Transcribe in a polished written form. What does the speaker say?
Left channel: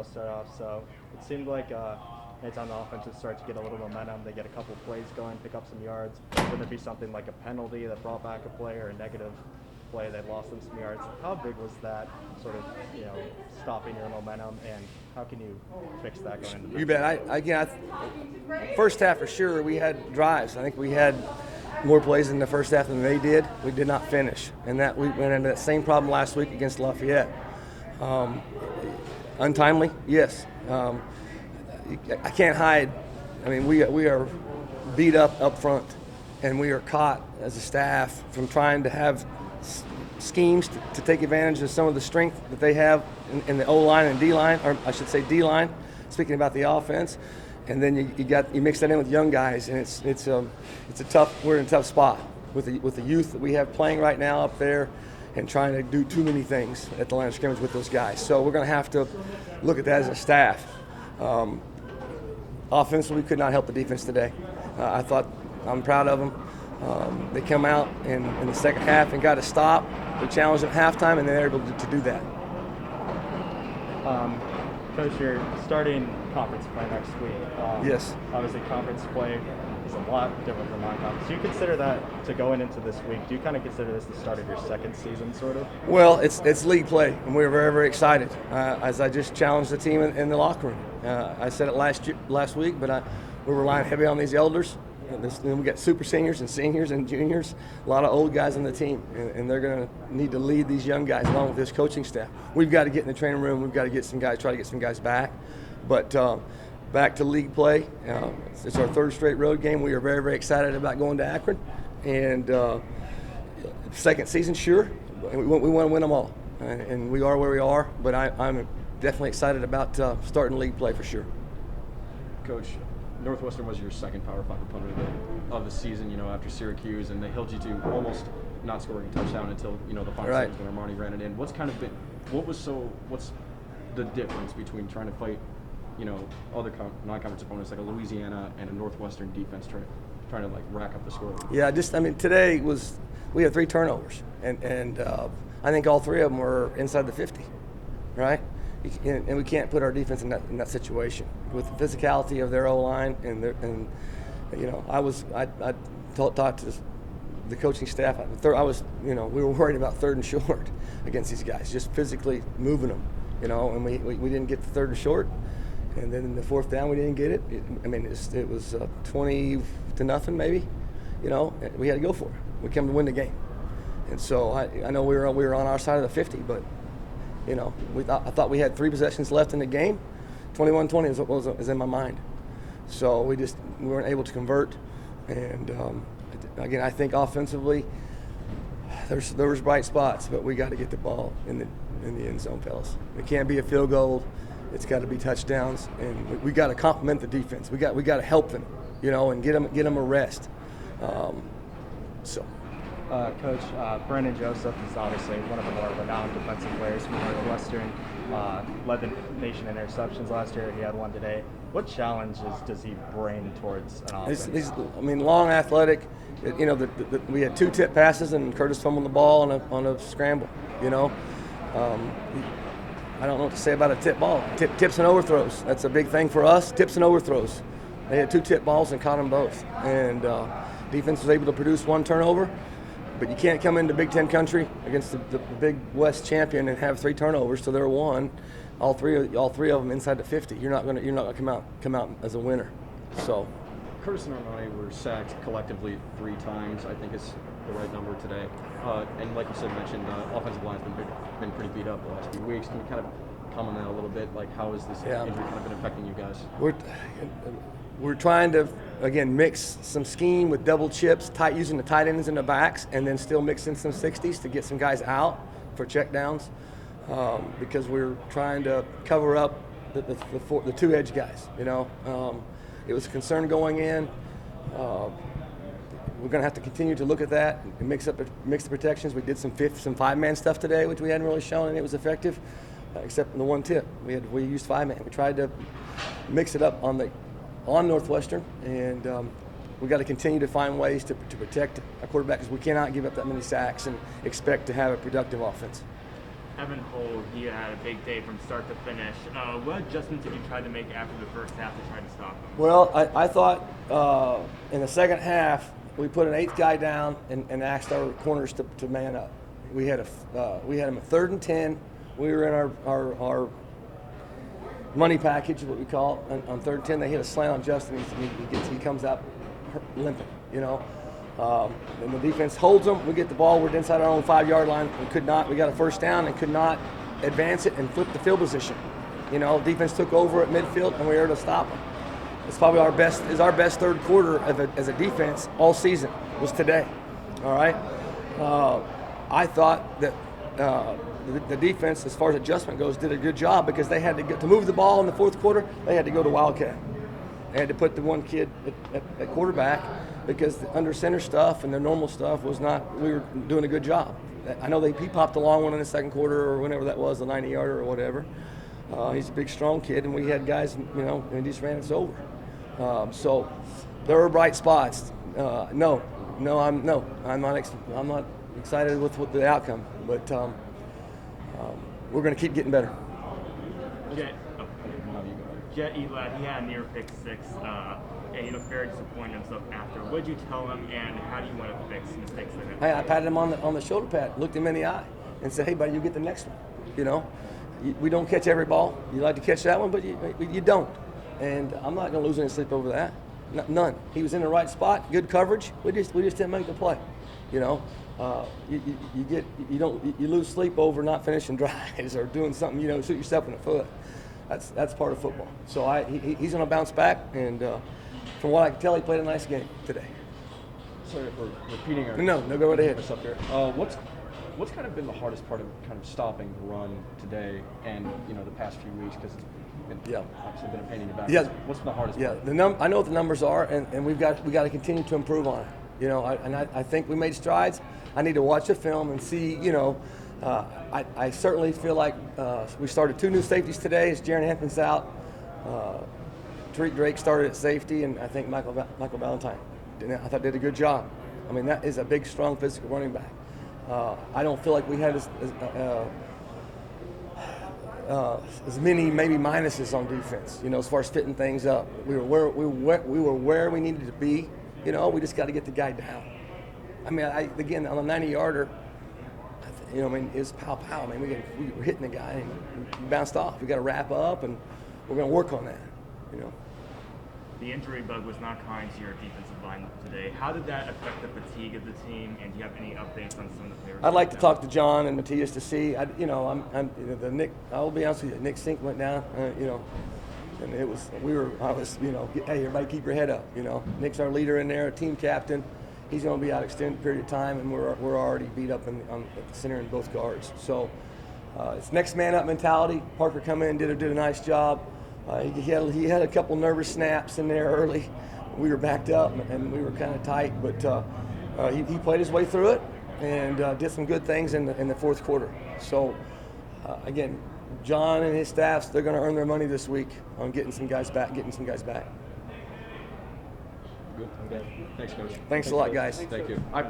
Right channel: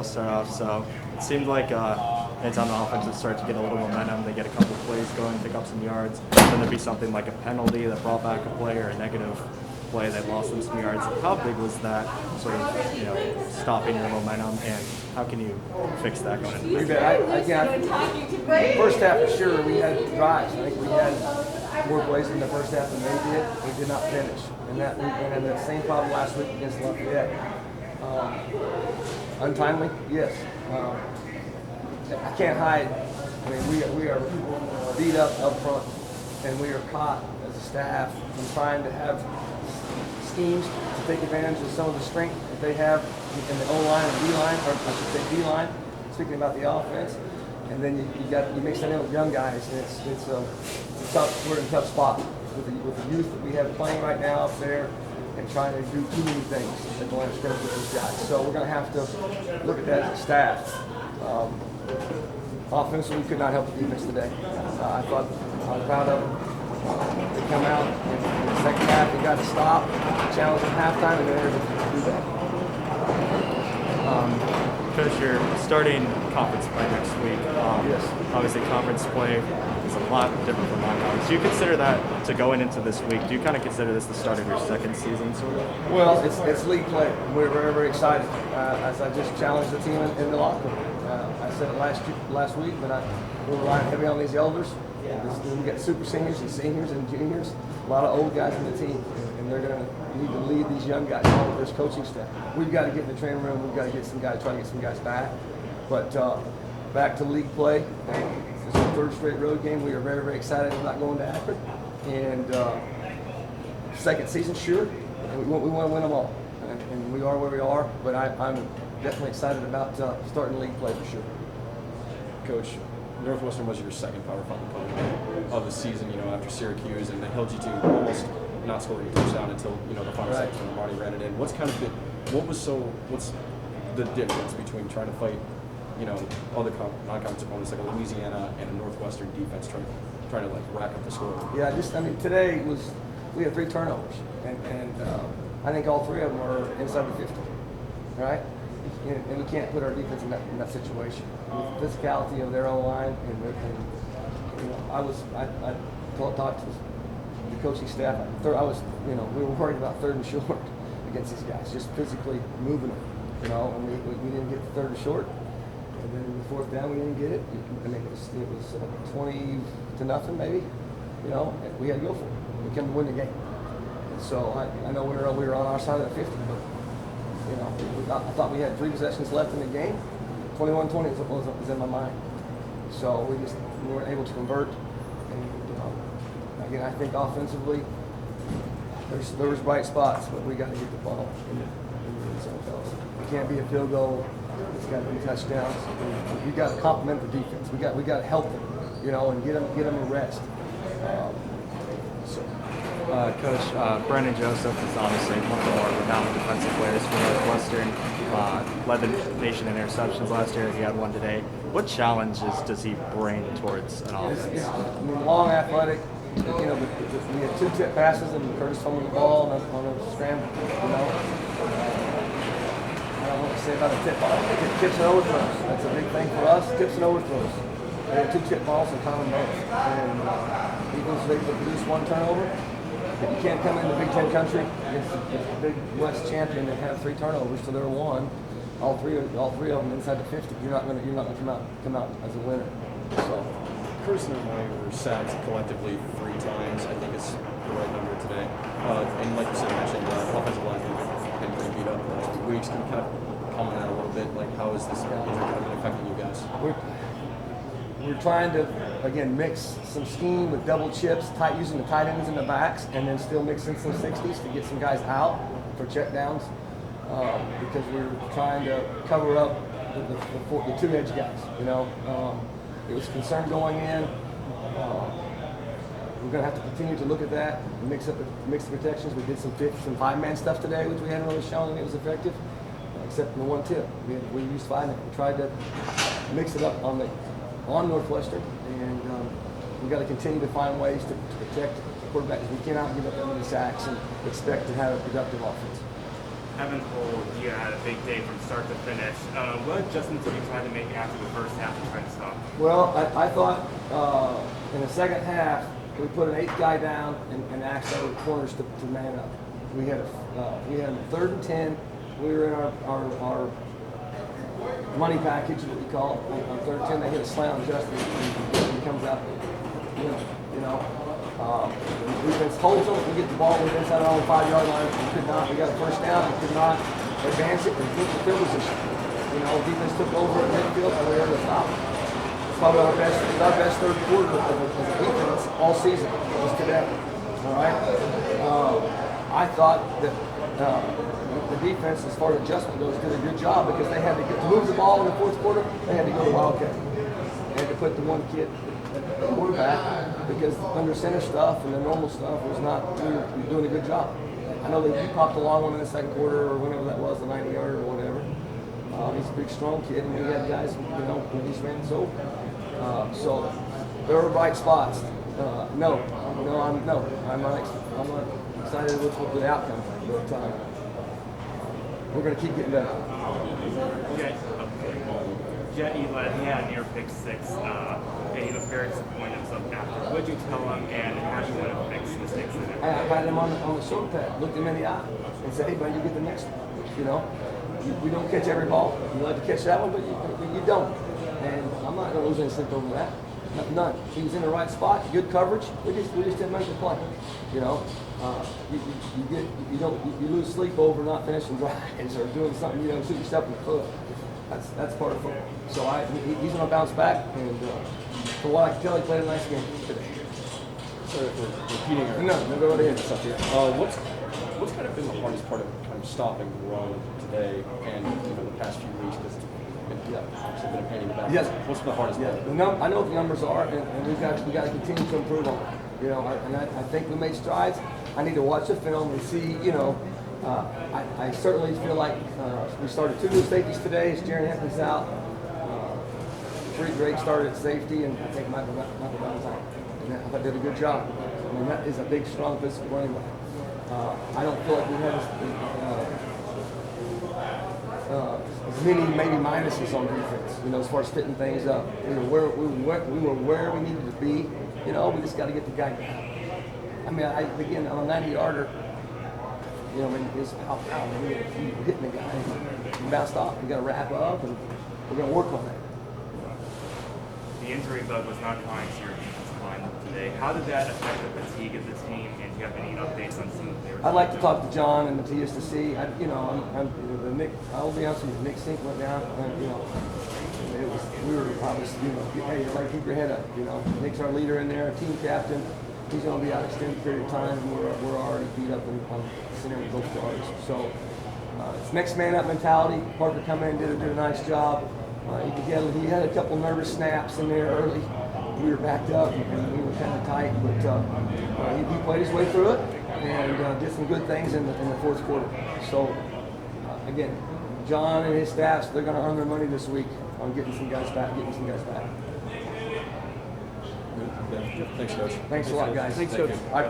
I'll start off. So it seemed like anytime the offense would start to get a little momentum, they get a couple of plays going, pick up some yards. Then there'd be something like a penalty that brought back a play or a negative play that lost them some yards. How big was that sort of, stopping your momentum, and how can you fix that going into this? First half for sure we had drives. I think we had more plays in the first half than they did. We did not finish, and we had that same problem last week against Lafayette. Untimely, yes. I can't hide. I mean, we are beat up front, and we are caught as a staff from trying to have schemes to take advantage of some of the strength that they have in the O-line and D-line, or I should say D-line, speaking about the offense. And then you mix that in with young guys, and we're in a tough spot with the youth that we have playing right now up there, and trying to do too many things at the line of scrimmage with those guys. So we're going to have to look at that as a staff. Offensively, we could not help the defense today. I'm proud of them. They come out in the second half and got to stop. We challenged at halftime, and they're able to do that. Coach, you're starting conference play next week. Yes. Obviously, conference play is a lot different from non-conference. Do you consider that, to going into this week, do you kind of consider this the start of your second season, sort of? Well, it's league play, and we're very, very excited. As I just challenged the team in the locker room. I said it last week, but we're relying heavily on these elders. We got super seniors and juniors, a lot of old guys on the team, and they're going to need to lead these young guys along with this coaching staff. We've got to get in the training room. We've got to try to get some guys back. But back to league play. It's our third straight road game. We are very, very excited about going to Akron. And second season, sure. And we want to win them all. And we are where we are. But I'm definitely excited about starting league play for sure. Coach, Northwestern was your second Power 5 opponent of the season, after Syracuse, and they held you to almost not scoring a touchdown until, the final seconds when Marty ran it in. What's the difference between trying to fight, other non-conference opponents like a Louisiana and a Northwestern defense trying to rack up the score? Yeah, today we had 3 turnovers, and I think all 3 of them were inside the 50, right? And we can't put our defense in that situation with the physicality of their O-line, I talked to the coaching staff. We were worried about 3rd and short against these guys, just physically moving them, and we didn't get the 3rd and short, and then in the 4th down we didn't get it. It was 20-0 maybe, we had to go for it. We came to win the game, and so I know we were on our side of the 50, but. I thought we had 3 possessions left in the game. 21-20 is in my mind. So we weren't able to convert. And again, I think offensively, there's bright spots, but we got to get the ball in the end zone, fellas. It can't be a field goal. It's got to be touchdowns. And we got to complement the defense. We got to help them, and get them a rest. Coach, Brandon Joseph is obviously one of the more renowned defensive players for Northwestern. Led the nation in interceptions last year. He had one today. What challenges does he bring towards an offense? Long, athletic. We had 2 tip passes and Curtis fumbled the ball on a scramble. I don't know what to say about a tip ball. Tips and overthrows. That's a big thing for us. Tips and overthrows. They had 2 tip balls and caught them both. And defense was able to produce 1 turnover. But you can't come into Big Ten country against the Big West champion and have 3 turnovers. So they're won, all three of them inside the 50. You're not gonna come out as a winner. So Curtis and I were sacked collectively 3 times. I think it's the right number today. And like you said, mentioned offensive line has been pretty beat up the last 2 weeks. Can you kind of comment on that a little bit? How is this injury kind of been affecting you guys? We're trying to, again, mix some scheme with double chips, using the tight ends in the backs, and then still mixing some 60s to get some guys out for checkdowns, because we're trying to cover up the 2 edge guys. It was a concern going in. We're going to have to continue to look at that and mix the protections. We did some 5-man stuff today, which we hadn't really shown, and it was effective, except in the 1 tip. We used 5-man. We tried to mix it up on Northwestern, and we got to continue to find ways to protect our quarterback, because we cannot give up that many sacks and expect to have a productive offense. Evan Cole, he had a big day from start to finish. What adjustments did you try to make after the first half to try to stop him? Well, I thought in the second half we put an 8th guy down and asked our corners to man up. We had them 3rd and 10. We were in our money package, what we call it. On 3rd and 10, they hit a slant on Justin, and he comes out limping, you know. And the defense holds them. We get the ball. We're inside our own 5-yard line. We could not. We got a first down and could not advance it and took the field position. You know, defense took over at midfield and we were able to stop it. It's probably our best. It's our best third quarter as a defense all season. Was today. All right. I thought that the defense, as far as adjustment goes, did a good job because they had to move the ball in the fourth quarter. They had to go to Wildcat. They had to put the one kid at quarterback because under center stuff and the normal stuff was not. We were doing a good job. I know he popped a long one in the second quarter or whenever that was, a 90-yarder or whatever. He's a big, strong kid, and we had guys, you know, and just ran us over. So there were bright spots. I'm not excited with the outcome, but we're going to keep getting better. Jet Eli, he had a near pick 6, and he was very disappointed himself after. What did you tell him, and how do you want to fix mistakes in it? I patted him on the shoulder pad, looked him in the eye, and said, "Hey, buddy, you get the next one." You know, we don't catch every ball. You like to catch that one, but you don't. And I'm not going to lose any sleep over that. None. He was in the right spot, good coverage. We just didn't make the play. You know, you lose sleep over not finishing drives or doing something. You know, shoot yourself in the foot. That's part of football. So he's going to bounce back, and from what I can tell, he played a nice game today. Sorry for repeating. No, go right ahead. Up there. What's kind of been the hardest part of kind of stopping the run today and the past few weeks? Because obviously been a pain in the back. Yeah. What's the hardest part? I know what the numbers are, and we got to continue to improve on it. You know, I think we made strides. I need to watch the film and see. You know, I certainly feel like we started 2 new safeties today. Jaron Anthony's out. Tariq Drake started at safety, and I think Michael Valentine. And I thought did a good job. I mean, that is a big, strong, physical running back. I don't feel like we had as many maybe minuses on defense. You know, as far as fitting things up, we were where we needed to be. You know, we just got to get the guy down. I mean, again on a 90-yarder. You know, I mean, it's pow, man. We were hitting the guy and he bounced off. We got to wrap up, and we're going to work on that. You know. The injury bug was not kind to your defensive line today. How did that affect the fatigue of the team? And do you have any updates on some of the players? I'd like to talk to John and Matthias to see. I'll be honest with you. Nick Sink went down. And hey, everybody keep your head up. You know, Nick's our leader in there, team captain. He's going to be out an extended period of time, and we're already beat up on center and both guards. So it's next man up mentality. Parker come in, did a nice job. He had a couple nervous snaps in there early. We were backed up and we were kind of tight, but he played his way through it and did some good things in the fourth quarter. So again, John and his staffs, they're going to earn their money this week on getting some guys back. Good. Thanks, Coach. Thanks a lot, guys. Thank you.